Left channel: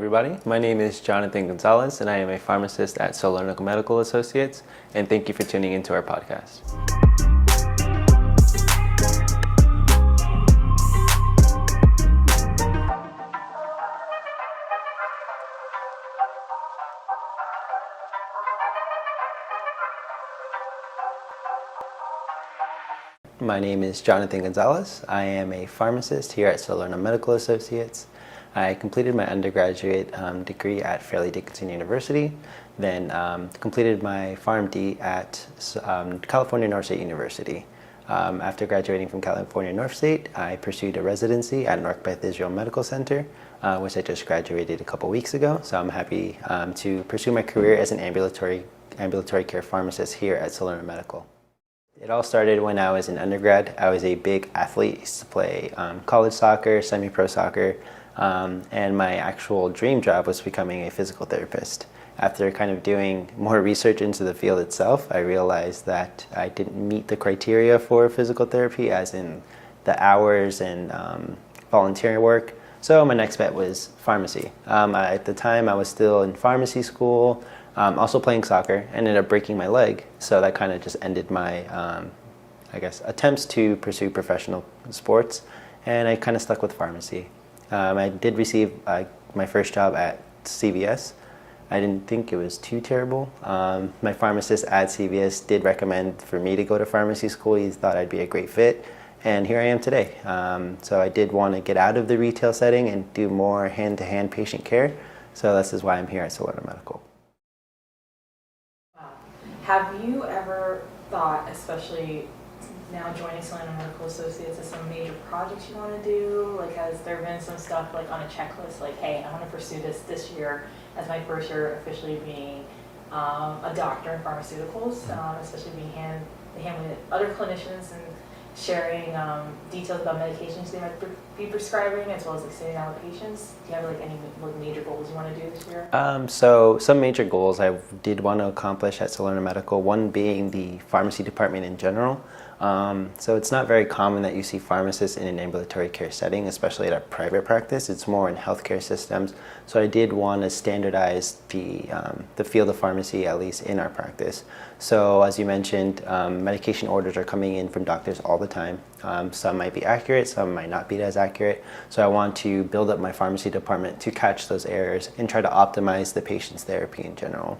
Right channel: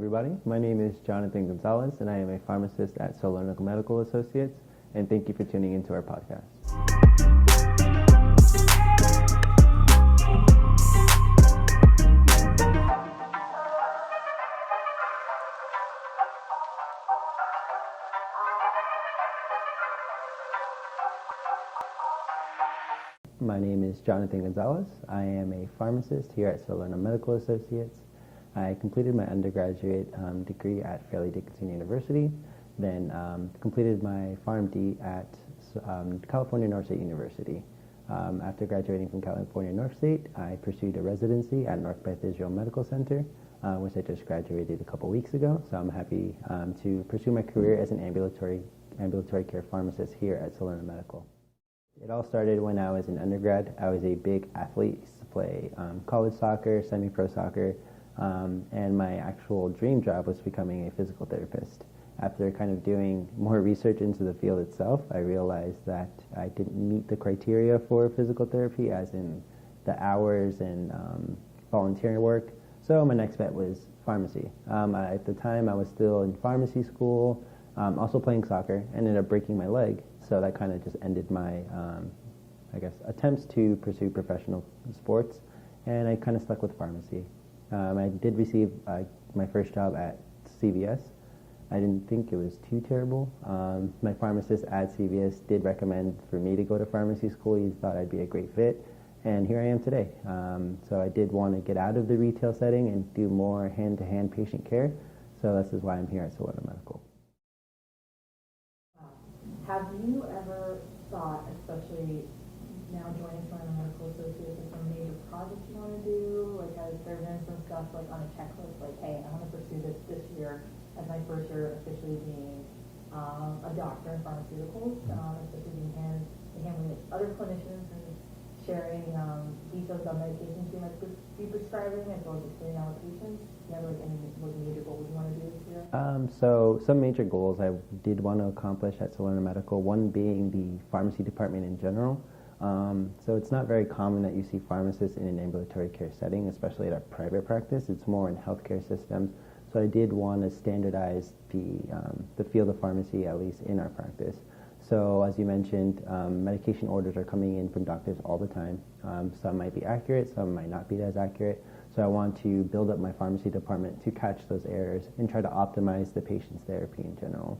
everybody. My name is Jonathan Gonzalez, and I am a pharmacist at Salerno Medical Associates, and thank you for tuning into our podcast. My name is Jonathan Gonzalez. I am a pharmacist here at Salerno Medical Associates. I completed my undergraduate degree at Fairleigh Dickinson University, then completed my PharmD at California North State University. After graduating from California North State, I pursued a residency at North Beth Israel Medical Center, which I just graduated a couple weeks ago. So I'm happy to pursue my career as an ambulatory care pharmacist here at Salerno Medical. It all started when I was an undergrad. I was a big athlete, used to play college soccer, semi-pro soccer, and my actual dream job was becoming a physical therapist. After kind of doing more research into the field itself, I realized that I didn't meet the criteria for physical therapy, as in the hours and volunteer work. So my next bet was pharmacy. At the time, I was still in pharmacy school, also playing soccer. Ended up breaking my leg, so that kind of just ended my, attempts to pursue professional sports, and I kind of stuck with pharmacy. I did receive my first job at CVS. I didn't think it was too terrible. My pharmacist at CVS did recommend for me to go to pharmacy school. He thought I'd be a great fit, and here I am today. So I did want to get out of the retail setting and do more hand-to-hand patient care, so this is why I'm here at Salerno Medical. Have you ever thought, especially now joining Salerno Medical Associates, of some major projects you want to do? Like, has there been some stuff like on a checklist, like, hey, I want to pursue this year as my first year officially being a doctor in pharmaceuticals, especially being handling with other clinicians and sharing details about medications they might be prescribing, as well as like sitting down with patients? Do you have like any major goals you want to do this year? So some major goals I did want to accomplish at Salerno Medical, one being the pharmacy department in general. So it's not very common that you see pharmacists in an ambulatory care setting, especially at a private practice. It's more in healthcare systems. So I did want to standardize the field of pharmacy, at least in our practice. So as you mentioned, medication orders are coming in from doctors all the time. Some might be accurate, some might not be as accurate. So I want to build up my pharmacy department to catch those errors and try to optimize the patient's therapy in general.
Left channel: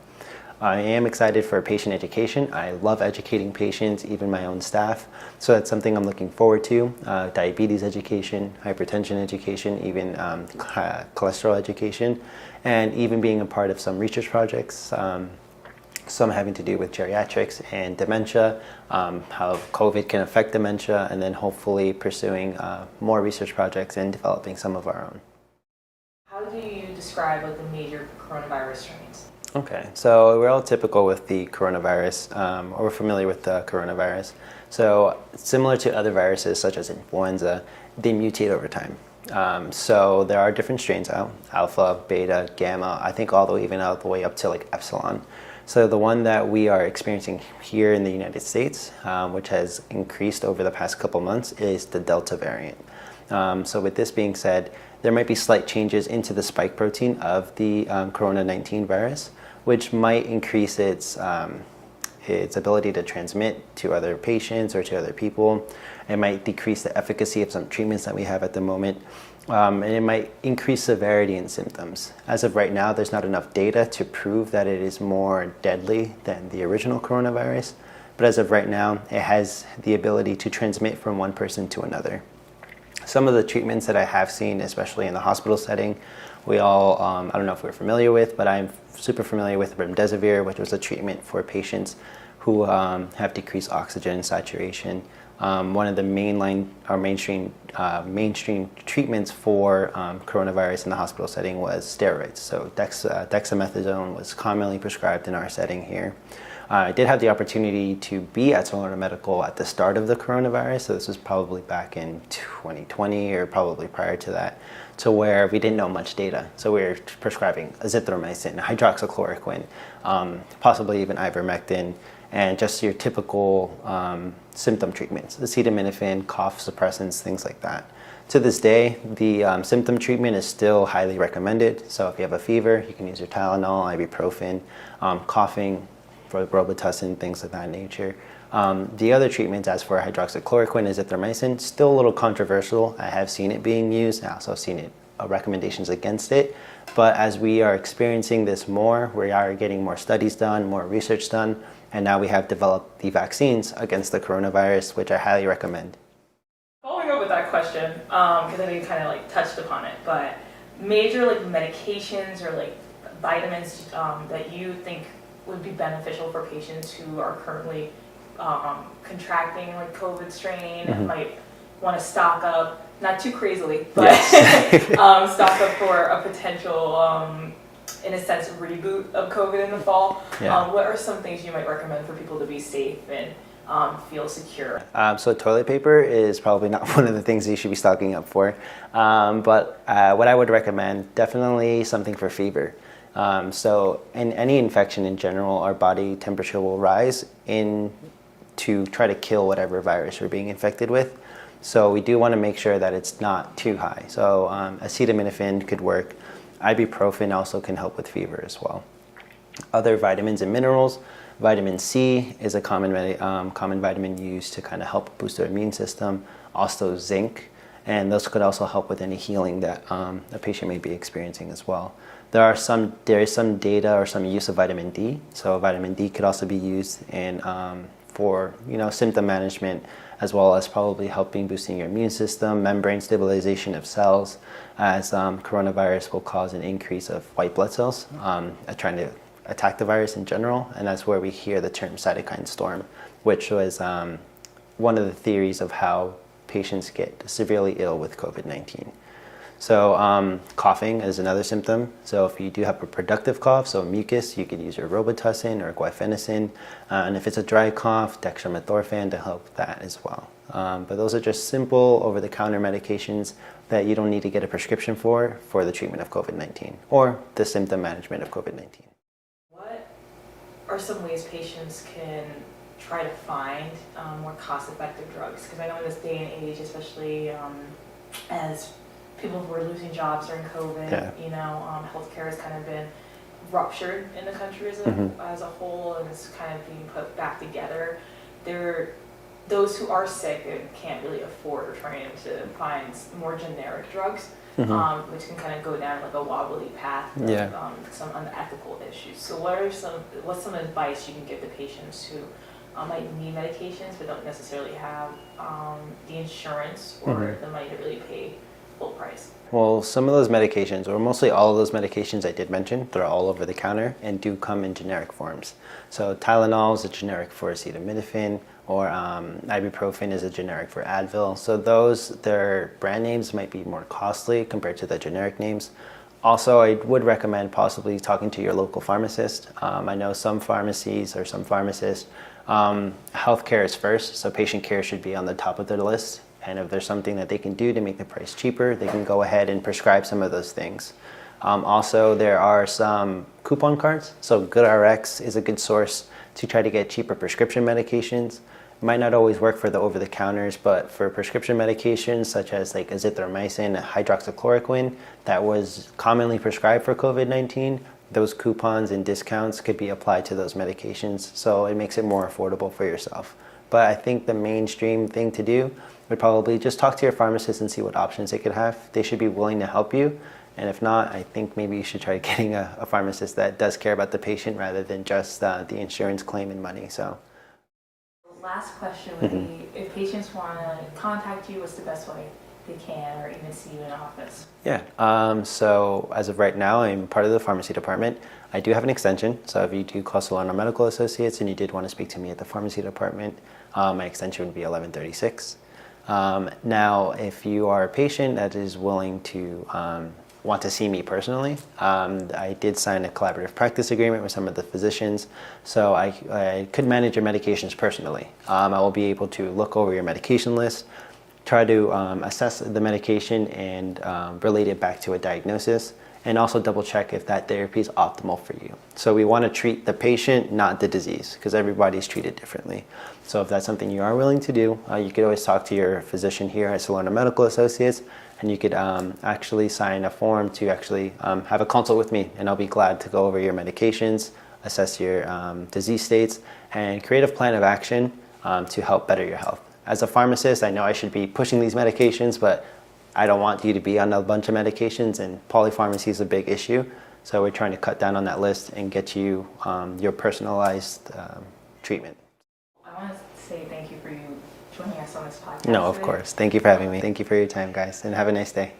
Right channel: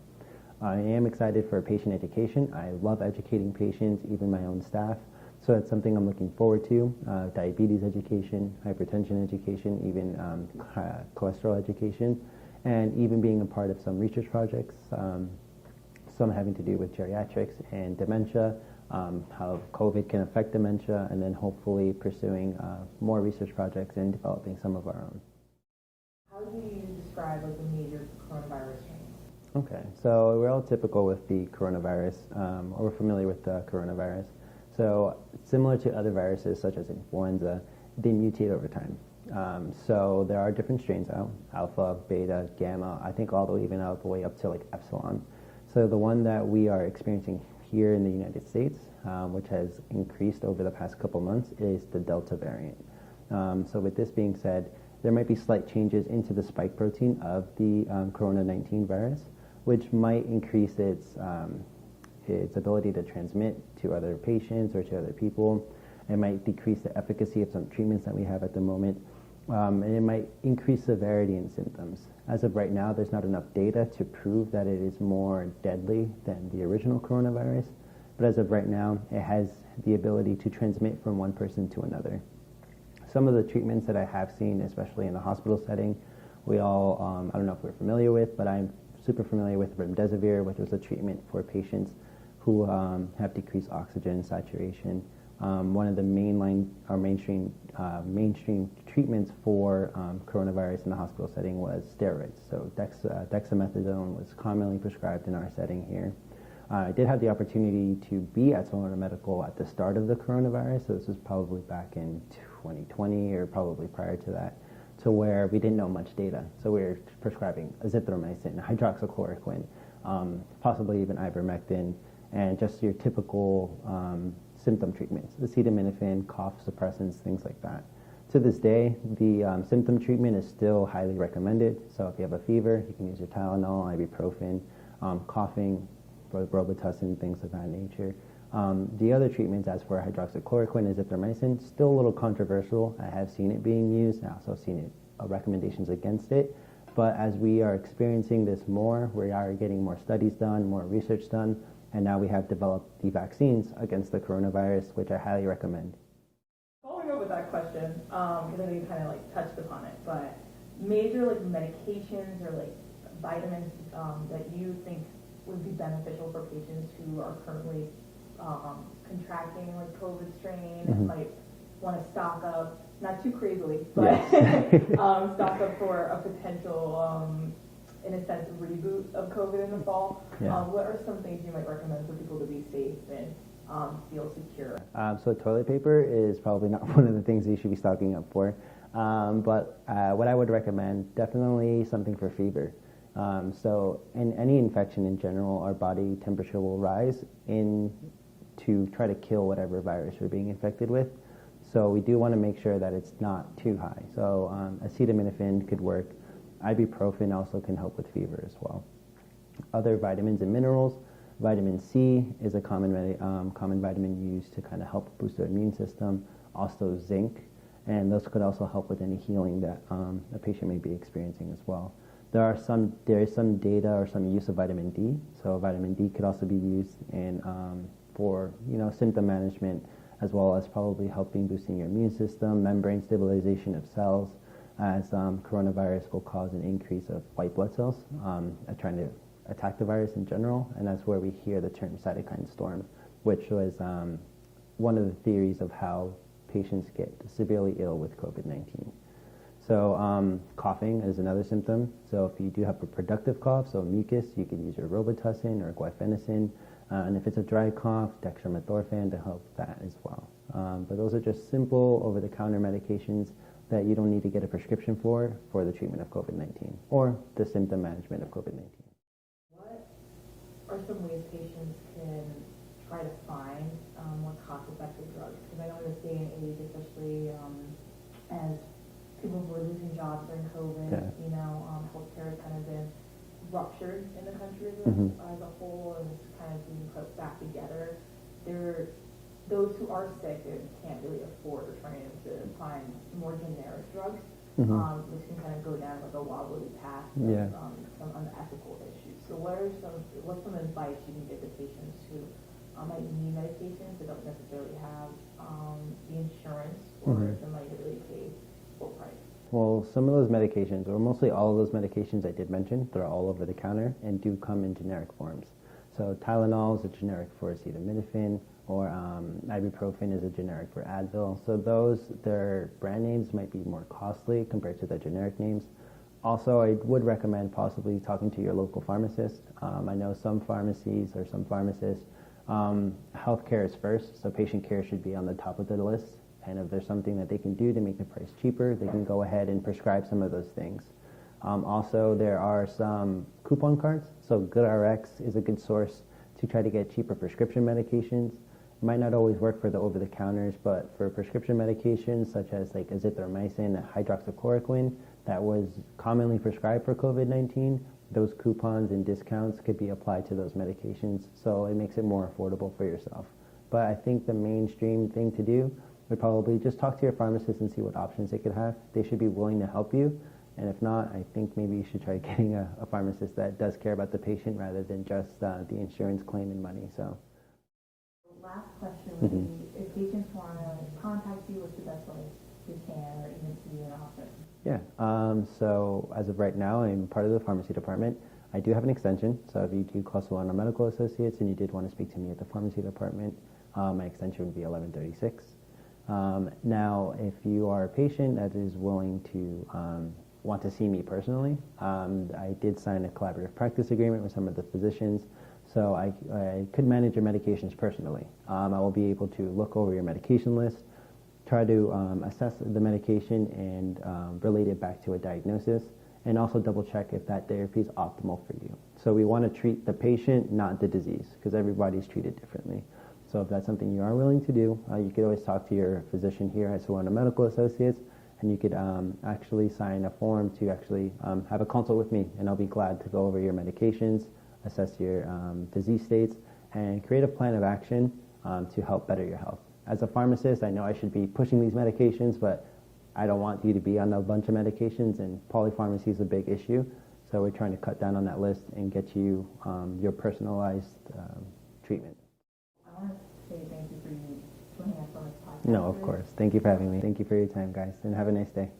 I am excited for patient education. I love educating patients, even my own staff. So that's something I'm looking forward to. Diabetes education, hypertension education, even cholesterol education, and even being a part of some research projects, some having to do with geriatrics and dementia, how COVID can affect dementia, and then hopefully pursuing more research projects and developing some of our own. How do you describe like the major coronavirus strains? Okay, so we're all typical with the coronavirus, or we're familiar with the coronavirus. So similar to other viruses such as influenza, they mutate over time. So there are different strains out, alpha, beta, gamma, I think all the way even all the way up to like epsilon. So the one that we are experiencing here in the United States, which has increased over the past couple months, is the Delta variant. So with this being said, there might be slight changes into the spike protein of the Corona-19 virus, which might increase its ability to transmit to other patients or to other people. It might decrease the efficacy of some treatments that we have at the moment, and it might increase severity and symptoms. As of right now, there's not enough data to prove that it is more deadly than the original coronavirus, but as of right now, it has the ability to transmit from one person to another. Some of the treatments that I have seen, especially in the hospital setting, we all, I don't know if we're familiar with, but I'm super familiar with remdesivir, which was a treatment for patients who have decreased oxygen saturation. One of the mainstream treatments for coronavirus in the hospital setting was steroids. So dexamethasone was commonly prescribed in our setting here. I did have the opportunity to be at Salerno Medical at the start of the coronavirus, so this was probably back in 2020 or probably prior to that, to where we didn't know much data. So we were prescribing azithromycin, hydroxychloroquine, possibly even ivermectin, and just your typical symptom treatments, acetaminophen, cough suppressants, things like that. To this day, the symptom treatment is still highly recommended. So if you have a fever, you can use your Tylenol, ibuprofen, coughing for Robitussin, things of that nature. The other treatments, as for hydroxychloroquine, azithromycin, still a little controversial. I have seen it being used. I also have seen it recommendations against it. But as we are experiencing this more, we are getting more studies done, more research done, and now we have developed the vaccines against the coronavirus, which I highly recommend. Following up with that question, because I know you kind of like touched upon it, but major like medications or like vitamins that you think would be beneficial for patients who are currently contracting like COVID strain and might want to stock up, not too crazily, but yes. stock up for a potential, in a sense, reboot of COVID in the fall. Yeah. What are some things you might recommend for people to be safe and feel secure? So toilet paper is probably not one of the things you should be stocking up for. But what I would recommend, definitely something for fever. So in any infection in general, our body temperature will rise to try to kill whatever virus we're being infected with. So we do want to make sure that it's not too high. So acetaminophen could work. Ibuprofen also can help with fever as well. Other vitamins and minerals. Vitamin C is a common vitamin used to kind of help boost our immune system. Also zinc, and those could also help with any healing that a patient may be experiencing as well. There is some data or some use of vitamin D. So vitamin D could also be used for symptom management, as well as probably helping boosting your immune system, membrane stabilization of cells, as coronavirus will cause an increase of white blood cells trying to attack the virus in general, and that's where we hear the term cytokine storm, which was one of the theories of how patients get severely ill with COVID-19. So coughing is another symptom. So if you do have a productive cough, so mucus, you could use your Robitussin or guaifenesin. And if it's a dry cough, dextromethorphan to help that as well. But those are just simple over-the-counter medications that you don't need to get a prescription for the treatment of COVID-19 or the symptom management of COVID-19. What are some ways patients can try to find more cost-effective drugs? Because I know in this day and age, especially as people who are losing jobs during COVID, healthcare has kind of been ruptured in the country as a whole, and it's kind of being put back together. Those who are sick and can't really afford or trying to find more generic drugs, which can kind of go down like a wobbly path of some unethical issues. So what's some advice you can give to patients who might need medications but don't necessarily have the insurance or the money to really pay full price? Well, some of those medications, or mostly all of those medications I did mention, they're all over the counter and do come in generic forms. So Tylenol is a generic for acetaminophen, or ibuprofen is a generic for Advil. So their brand names might be more costly compared to the generic names. Also, I would recommend possibly talking to your local pharmacist. I know some pharmacies or some pharmacists, healthcare is first, so patient care should be on the top of their list. And if there's something that they can do to make the price cheaper, they can go ahead and prescribe some of those things. Also, there are some coupon cards. So GoodRx is a good source to try to get cheaper prescription medications. It might not always work for the over-the-counters, but for prescription medications such as like azithromycin, hydroxychloroquine, that was commonly prescribed for COVID-19, those coupons and discounts could be applied to those medications. So it makes it more affordable for yourself. But I think the mainstream thing to do would probably just talk to your pharmacist and see what options they could have. They should be willing to help you. And if not, I think maybe you should try getting a pharmacist that does care about the patient rather than just the insurance claim and money. So, last question would be, if patients want to contact you, what's the best way they can, or even see you in office? Yeah, so as of right now, I'm part of the pharmacy department. I do have an extension, so if you do call Solano Medical Associates and you did want to speak to me at the pharmacy department, my extension would be 1136. Now, if you are a patient that is willing to want to see me personally, I did sign a collaborative practice agreement with some of the physicians, so I could manage your medications personally. I will be able to look over your medication list, try to assess the medication and relate it back to a diagnosis, and also double check if that therapy is optimal for you. So we want to treat the patient, not the disease, because everybody's treated differently. So if that's something you are willing to do, you could always talk to your physician here at Salerno Medical Associates, and you could actually sign a form to actually have a consult with me, and I'll be glad to go over your medications, assess your disease states, and create a plan of action to help better your health. As a pharmacist, I know I should be pushing these medications, but I don't want you to be on a bunch of medications, and polypharmacy is a big issue. So we're trying to cut down on that list and get you your personalized treatment. I want to say thank you for you joining us on this podcast. No, of course. Thank you for having me. Thank you for your time, guys, and have a nice day.